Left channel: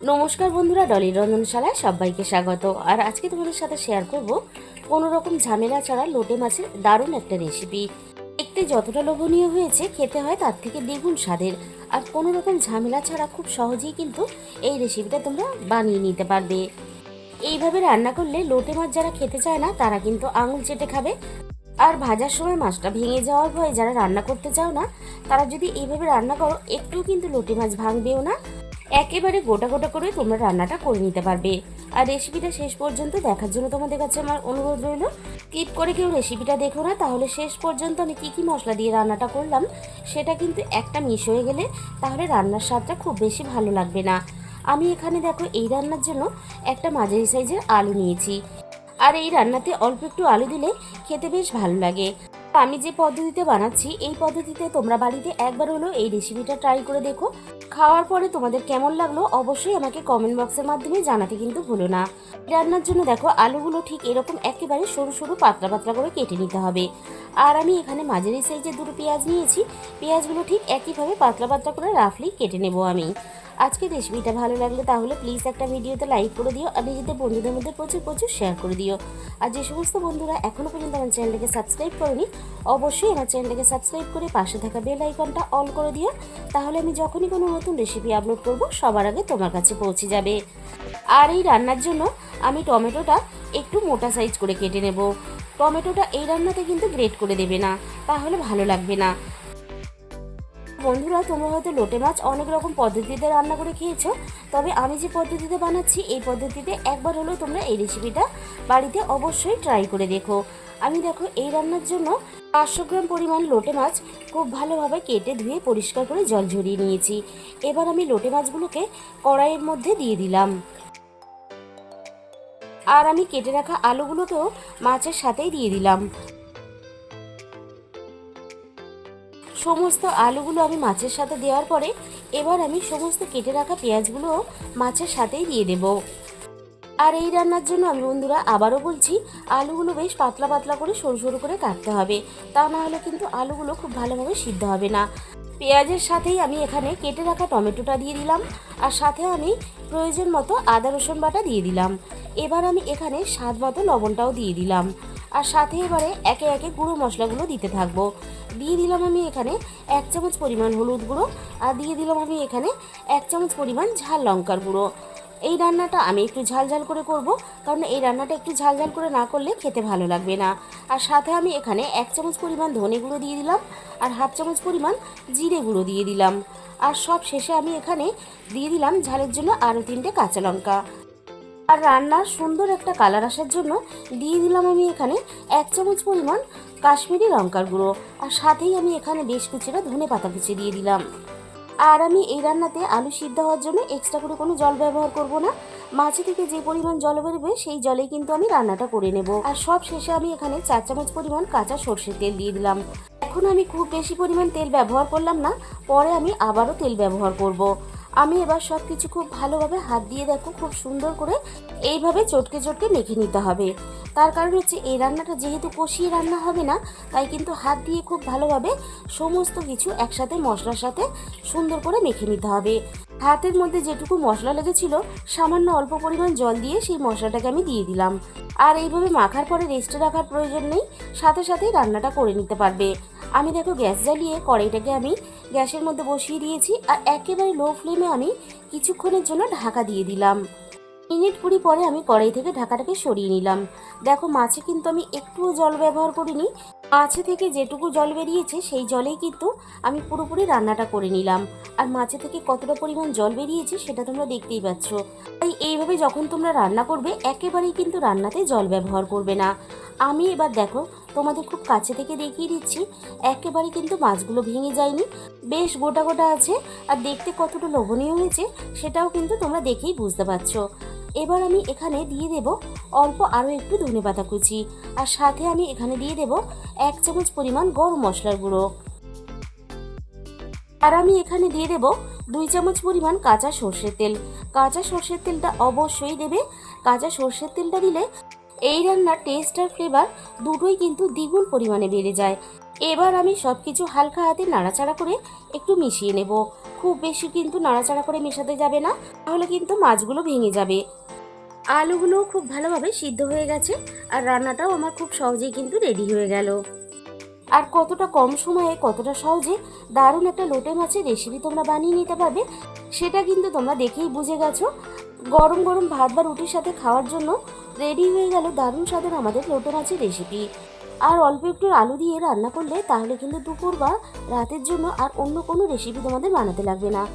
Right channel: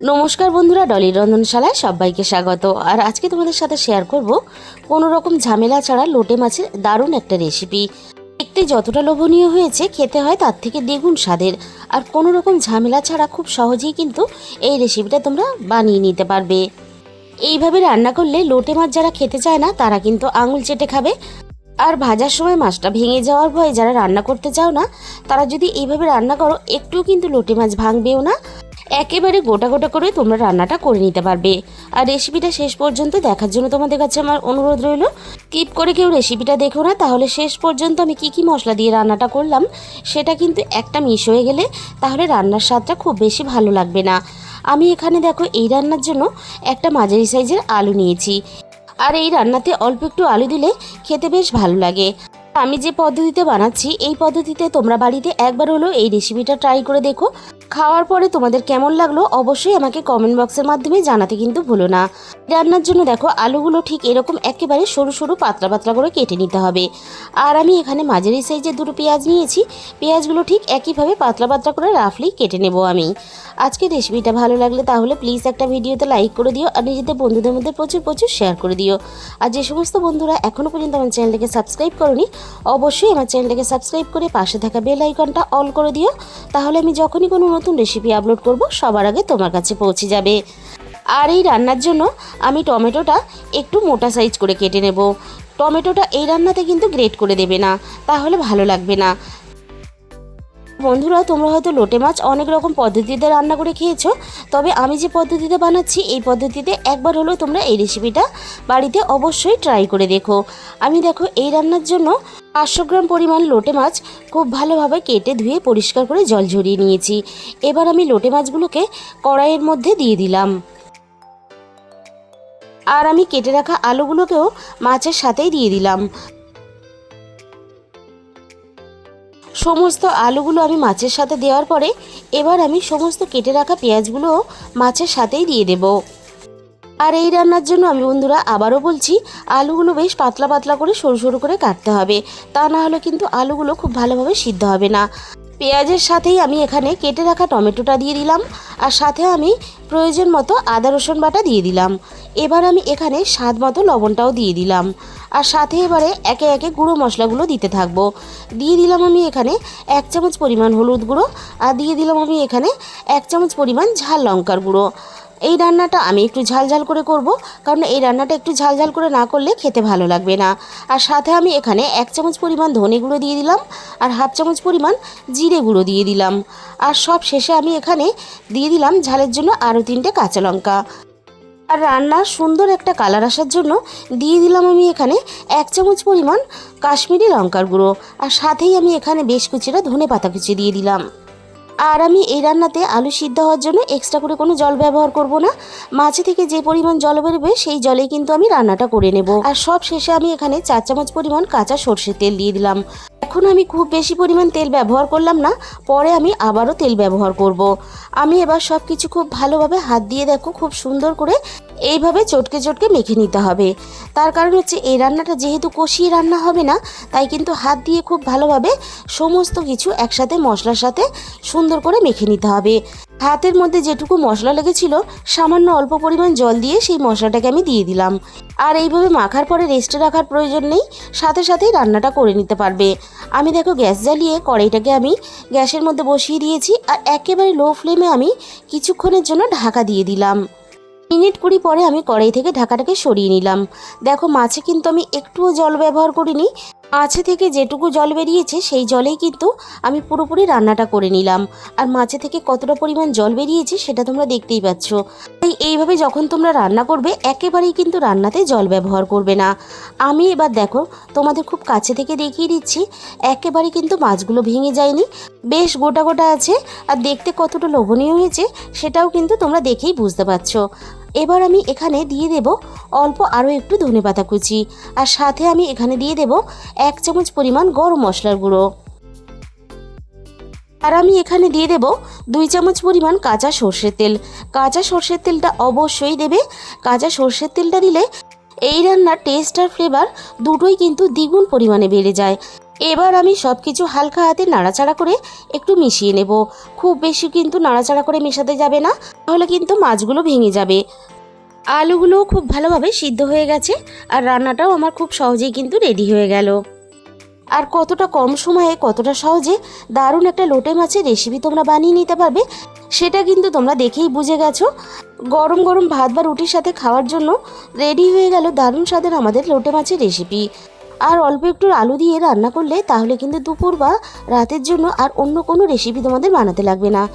নমস্কার বন্ধুরা, ডলির রন্ধনশালায় সবাইকে স্বাগত। আর আজকে তোমাদের সাথে শেয়ার করব কোনো রকম ঝামেলা ছাড়া লোটে মাছের দারুণ একটা রেসিপি। দেখতে যতটা লোভনীয় হয়েছে, খেতে হয় তার থেকে দ্বিগুণ স্বাদের। আর কোনো রকম ঝামেলা ছাড়া খুব সহজেই কিন্তু এই রেসিপিটা তোমরা বানিয়ে নিতে পারবে। এইভাবে রান্না করলে লোটে মাছ যারা খেতে চায় না তারা কিন্তু আঙুল চেটে খাবে। আর ভাজার সময় মাছটা ভেঙে যাওয়ার ভয়ে যারা রান্না করতে চাও না, তারা যদি এইভাবে রান্না করো একটুও কিন্তু লোটে মাছ ভাঙবেও না, একেবারে গোটা গোটা করে তোমরা রান্নাটা করে নিতে পারবে। আর রেসিপিটা শেষ পর্যন্ত দেখার জন্য তোমাদের কাছে আমার অনুরোধ রইল, স্কিপ করে কেউ রেসিপিটা দেখো না, তাহলে শেষ পর্যন্ত আমি কি কি মশলা দিয়ে রান্নাটা করলাম সেটা কিন্তু একটা মিশ হয়ে গেলে তাহলে রান্নার স্বাদটা খুব বেশি ভালো লাগবে না। আমি এখানে দেখো এই রান্নার জন্য একটা মাঝারি সাইজের আলু নিয়েছি। আর এই রান্নাতে অল্প একটু আলু দিলে খেতে বেশ ভালো লাগে। আমি যে পদ্ধতিতে বানাচ্ছি এই পদ্ধতিতে তোমরা বাড়িতে একবার হলো এই রেসিপিটা ট্রাই করে দেখো। খাওয়ার পরে তোমাদের কেমন লাগলো অবশ্যই আমাকে কমেন্ট বক্সের মাধ্যমে জানাতে কিন্তু ভুলো না। রান্নার জন্য দেখো আলুগুলো ঠিক এরকম একেবারে সরু সরু পাতলা পাতলা করে কেটে নিতে হবে। আর আমি এখানে মাঝারি সাইজের দুটো পেঁয়াজ নিয়েছি, পেঁয়াজগুলো ঠিক একইভাবে পাতলা পাতলা করে রাফলি কেটে নেব আমি। আজকের রেসিপিটা ভালো লাগলে তাহলে প্লিজ একটা ভিডিওতে লাইক করে দিও আর নিজেদের বন্ধুদের মধ্যে প্রচুর প্রচুর শেয়ার করে দিও। আর যে সমস্ত বন্ধুরা এখনও পর্যন্ত আমার চ্যানেলটাকে সাবস্ক্রাইব করোনি, অবশ্যই আমার চ্যানেলটাকে সাবস্ক্রাইব করে পাশে থাকা বেল আইকনটা অল করে দিও, তাহলে আমি যখনই কোনো নতুন রেসিপি আপলোড করব সবার আগে তোমার কাছে পৌঁছে যাবে। আর এই রান্নার জন্য আমি টমেটোটা একটু মোটা সাইজ করে কেটে নেব। টমেটোটা এই রান্নাতে কিন্তু গ্রেট করে দেবে না, তাহলে ভালো লাগবে না। বন্ধুরা, তোমরা হয়তো লোটে মাছ অনেক রকম পদ্ধতিতে রান্না করে খেয়েছো, তবে আমি যে পদ্ধতিতে বানাচ্ছি এই পদ্ধতিতে একবার হলেও তোমরা এই রেসিপিটা বাড়িতে অবশ্যই ট্রাই করে দেখো। আমি দেখো এই রান্নার জন্য 500 গ্রাম পরিমাণ লোটে মাছ খুব ভালোভাবে কেটে ধুয়ে পরিষ্কার করে জল ঝরিয়ে নিয়েছি। এবার আমি লোটে মাছগুলোকে কড়াইয়ের মধ্যে দিয়ে দিলাম। আর আমি কেটে রাখা আলুগুলোকেও মাছের সাথেই দিয়ে দিলাম। সমস্ত আলুগুলো আমি মাছের সাথে দেওয়ার পরে এবার আমি সমস্ত কেটে রাখা পেঁয়াজগুলো মাছের সাথেই দিয়ে দেব। আর এই রান্নার জন্য আমি বন্ধুরা আবারও বলছি, আলুগুলো বেশ পাতলা পাতলা করে সরু সরু করে কাটতে হবে, তা না হলে কিন্তু আলুগুলো খুব ভালোভাবে সিদ্ধ হবে না। পেঁয়াজের সাথেই আমি এখানে কেটে রাখা টমেটোটা দিয়ে দিলাম, আর সাথে আমি প্রয়োজন মতো আদা রসুন বাটা দিয়ে দিলাম। এবার আমি এখানে স্বাদ মতো লবণটাও দিয়ে দিলাম। আর সাথে এবারে একে একে গুঁড়ো মশলাগুলো দিতে থাকবো। দিয়ে দিলাম আমি এখানে 1 চামচ পরিমাণ হলুদ গুঁড়ো, আর দিয়ে দিলাম আমি এখানে 1 চামচ পরিমাণ ঝাল লঙ্কার গুঁড়ো। এই রান্নাটা আমি একটু ঝাল ঝাল করে করব, কারণ এই রান্নাটা একটু ঝাল ঝাল করে না করলে খেতে ভালো লাগবে না। আর সাথে আমি এখানে 1 চামচ পরিমাণ ধনে গুঁড়ো দিয়ে দিলাম, আর 1/2 চামচ পরিমাণ জিরে গুঁড়ো দিয়ে দিলাম। আর সব শেষে আমি এখানে দিয়ে দিলাম ঝালের জন্য আরও 3টে কাঁচা লঙ্কা। আর রান্নার সুন্দর একটা কালার আসার জন্য দিয়ে দিলাম আমি এখানে 1 চামচ পরিমাণ কাশ্মীরি লঙ্কার গুঁড়ো। আর সাথেই আমি এখানে বেশ কিছুটা ধনে পাতা কুচি দিয়ে দিলাম। আর আমি এই রান্নাতে আলু সিদ্ধ হওয়ার জন্য এক্সট্রা করে কোনো জল ব্যবহার করব না। মাছে থেকে যে পরিমাণ জল বেরোবে সেই জলেই কিন্তু আমি রান্নাটা করে নেব। আর সব শেষে আমি এখানে 4 চামচ পরিমাণ কাঁচা সর্ষের তেল দিয়ে দিলাম। এখন আমি খুব বেশি পরিমাণ তেল ব্যবহার করলাম না, পরে আমি আবারও তেল ব্যবহার করব। আমি এবার সব কিছু খুব ভালোভাবে হাত দিয়ে দেখো খুব সুন্দর করে এইভাবে চটকে চটকে মেখে নিতে হবে। তার কারণ হচ্ছে এই রান্নাটা যেহেতু কষিয়ে রান্না হবে না, তাই কিন্তু হাত দিয়ে খুব ভালোভাবে সমস্ত কিছু একসাথে মশলার সাথে সুন্দর করে মেখে নিতে হবে। হাতের মধ্যে যেটুকু মশলা লেগেছিল সামান্য অল্প পরিমাণ জল দিয়ে সেই মশলাটাকে আমি দিয়ে দিলাম। আর এইভাবে মাখার পরে রেস্টে রাখার প্রয়োজন নেই, সাথে সাথেই রান্নাটা করে নিতে পারবে। আমি দেখো গ্যাস জ্বালিয়ে কড়াইটাকে আমি গ্যাসের মধ্যে বসিয়ে দিয়েছি, আর একেবারে লো ফ্লেমে আমি কিছুক্ষণের জন্য ঢাকা দিয়ে দিলাম। মিনিট 20 পরে আমি কড়াই থেকে ঢাকাটাকে সরিয়ে নিলাম। দেখো মাছে কিন্তু আমি একটুও জল ব্যবহার করিনি, মাছে থেকে যেটুকু জল বেরিয়েছে সেই জলেই কিন্তু আমি পুরোপুরি রান্নাটা করে নিলাম। আর মাছে থেকে কতটা পরিমাণ জল বেরিয়েছে সেটা তোমরা দেখতেই পাচ্ছ। তাই এইভাবে যখন তোমরা রান্না করবে একেবারেই কিন্তু রান্নাতে জল ব্যবহার করবে না। আমি এবার দেখো তোমাদের খুব কাছে থেকে দেখিয়ে দিচ্ছি, একেবারে কিন্তু মাছগুলো ভেঙে যায়নি, বেশ গোটা গোটা আছে। আর দেখতে কতটা লোভনীয় হয়েছে সেটাও কিন্তু তোমরা দেখেই বুঝতে পারছো। এবার আমি এখানে দিয়ে দেব অল্প আরও একটু ধনেপাতা কুচি, আর সাথে আমি এখানে দিয়ে দেব 1 চামচ পরিমাণ গরম মশলার গুঁড়ো। আর আমি এখানে দিয়ে দেব 2 চামচ পরিমাণ কাঁচা সর্ষের তেল। কাঁচা সর্ষের তেলটা অবশ্যই দেবে, কাঁচা সর্ষের তেলটা দিলে এই রান্নার টেস্ট আর ফ্লেভার দুটোই কিন্তু দ্বিগুণ পরিমাণে বেড়ে যায়। এবার আমি সব কিছু হালকা হাতে নাড়াচাড়া করে একটু মিশিয়ে নেব। খুব বেশি কিন্তু নাড়াচাড়া করে মেশাতে যাবে না, তাহলে কিন্তু মাছগুলো ভেঙে যাবে। আলুগুলোও খুব ভালোভাবে সিদ্ধ হয়ে গেছে, আর রান্নাটাও আমার খুব সহজেই কিন্তু রেডি হয়ে গেল। আর কতটা কম সময়ে কতটা সহজে দারুণ একটা লোটে মাছের রেসিপি তোমরা বানিয়ে নিতে পারবে, সেটা কিন্তু তোমরা দেখেই বুঝে গেছো। গরম গরম ভাত বা রুটির সাথে খাওয়ার জন্য রেডি হয়ে গেল দারুণ স্বাদের আমাদের লোটে মাছের রেসিপি। আর অল্প একটু আলু দিয়ে রান্না করলে তাহলে কিন্তু দুপুর বা রাতের জন্য আর অন্য কোনো রেসিপি তোমাদের বানাতে লাগবে না।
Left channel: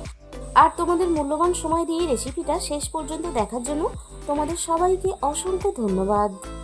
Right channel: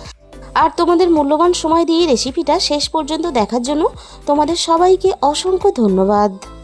আর তোমাদের মূল্যবান সময় দিয়ে রেসিপিটা শেষ পর্যন্ত দেখার জন্য তোমাদের সবাইকে অসংখ্য ধন্যবাদ।